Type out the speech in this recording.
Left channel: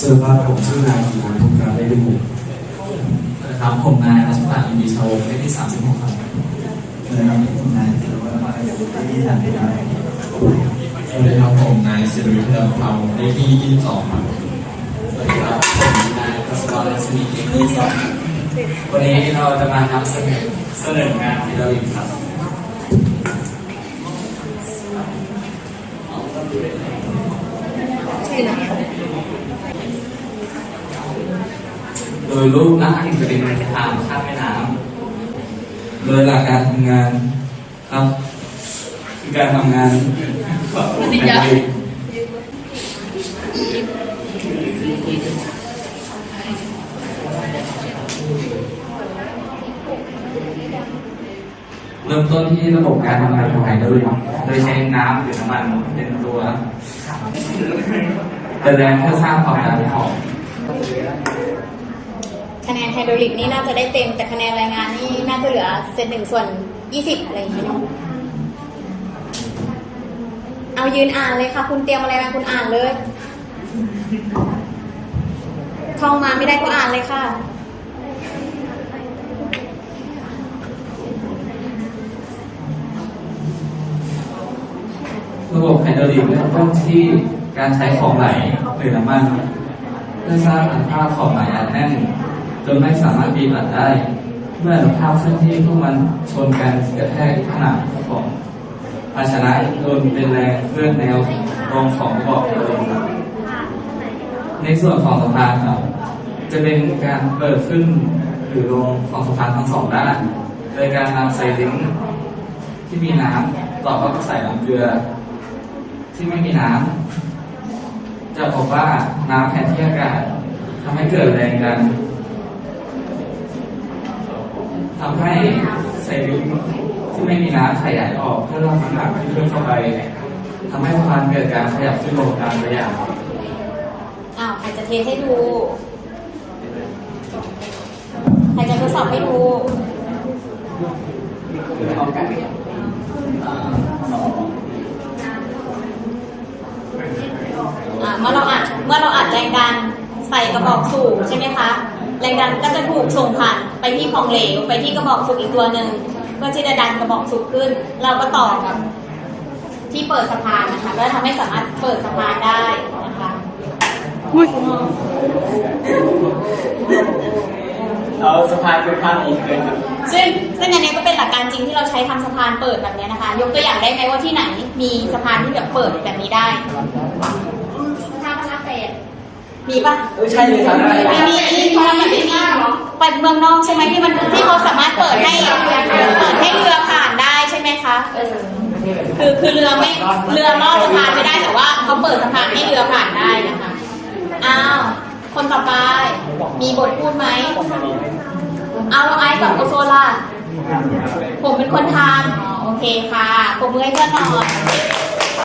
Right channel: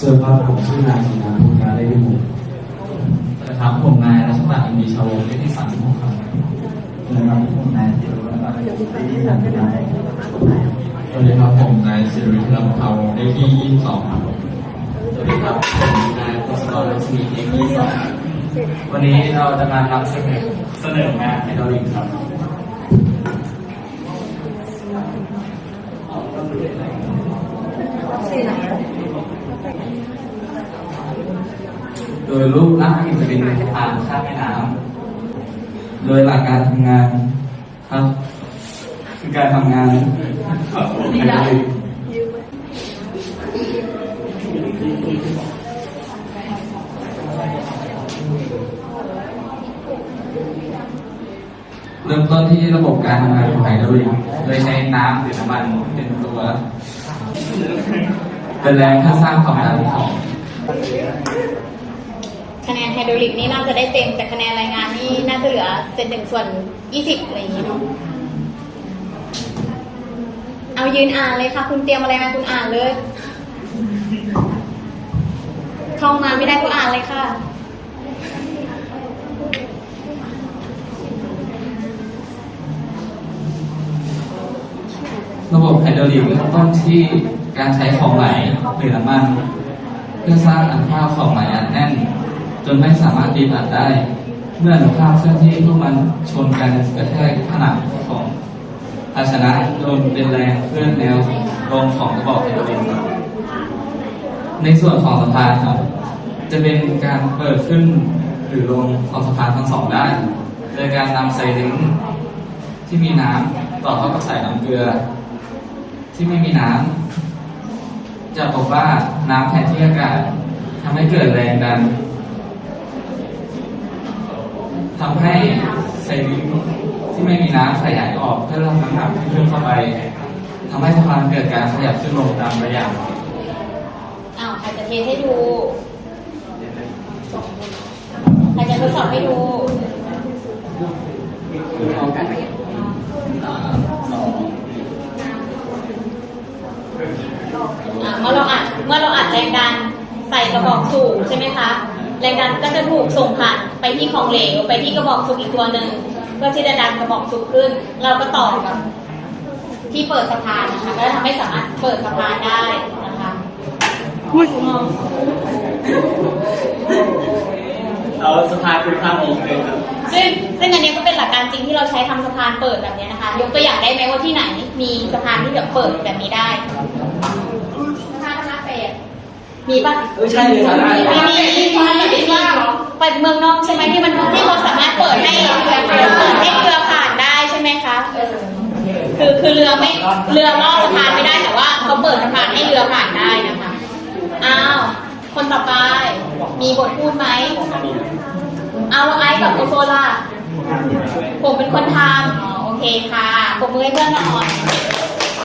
สวัสดีครับผมชื่อนายกินานพุทธาได้ดูนะครับผมนายรัชตาอินดีชาวเลขที่36ครับนะครับผมนายติรวัฒน์อะไรที่ทำได้สวัสดีครับผมนายสิริวิทย์ลำเภาเลขที่22ครับสวัสดีครับผมนายพัสกรลักษณีเลขที่2วันนี้เราจะมาทำเสนอเสนองานเทเลริมครับโด ยรูปนักอินทรินทางข้ามแม่น้ำโดยหลักการทำงานครับ คือการทำงานของไฮดรอลิกเริ่มต้นที่ระบบการทำงานของไฮดรอลิกโดยใช้น้ำหรือน้ำมันเป็นตัวเป็นแรงเพื่อสร้างความดันของ คะแนนไฮดรอลิกนี่น่าจะได้เต็มแต่คะแนนรายงานนี่น่าจะเหลือเศษหนึ่งส่วนยี่สิบอะไรอย่างนี้เนาะเอายืนอ่านเลยค่ะ คุณเตรียมอะไรมาคุณอ่านเลยท่องมาไม่ได้ก็อ่านเลยค่ะระบบไฮดรอลิกเริ่มต้นที่การใช้ของไหลหรือน้ำมัน เพื่อสร้างอนุภาของไหลอัดแน่น จนไม่สามารถบีบอัดได้ เมื่ออนุภาคเคลื่อนที่พวกมันชนกันกระแทกผนังของภาชนะโดนเป็นแรงเคลื่อนแนวลงของระบบไฮดรอลิกครับในส่วนของสะพานครับ จะเป็นการเปิดขึ้นหรือลงของสะพานทั้งสองด้าน โดยการนำไซลิงที่มีน้ำต่อเข้ากับสายน้ำเกลือ ที่ไม่มีน้ำจะพบว่าน้ำแทนที่อากาศทำให้เกิดแรงดัน ทำให้ไซลิงค์ที่ไม่มีน้ำขยายออกเพื่อรับน้ำหนักที่เพิ่มเข้าไปทำให้สะพานเกิดการขยับขึ้นลงตามระยะอ้าวใครจะเทให้ดูใครจะทดสอบให้ดูพร้อมกันสองอ่าเมื่อเราอัดเมื่อเราอัดแรงดันใส่กระบอกสูบใช่ไหมคะ แรงดันก็จะถูกส่งผ่านไปที่ของเหลวไปที่กระบอกสูบอีกตัวหนึ่งเพื่อที่จะดันกระบอกสูบขึ้น เราก็ต่อกับที่เปิดสะพานนะคะก็ทำให้สามารถเปิดสะพานได้นะคะเอาสะพานคือภาพนี้เลยครับซึ่งซึ่งอันนี้ก็เป็นหลักการจริงที่เราใช้ทำสะพานเปิดแบบนี้นะคะ ยกตัวอย่างได้ไหมว่าที่ไหนมีสะพานที่แบบเปิดแบบนี้ได้สะพานธรรมเศษ มีปะเออใช่เลยครับมีมีมีมีมีว่าไปเมืองนอกใช่ไหมที่มันที่เขาสามารถเปิดให้เปิดให้เรือผ่านได้ใช่ไหมคะ คือคือเรือไม่เรือลอดสะพานไม่ได้แต่ว่าเขาเปิดสะพานให้เรือผ่านได้นะคะ อ้าว คนต่อไป มีบทพูดไหมเอาแล้วไอ้กับโอโซล่ะผมเป็นคนทำอ๋อโอเคค่ะปรบมือให้เพื่อนหน่อย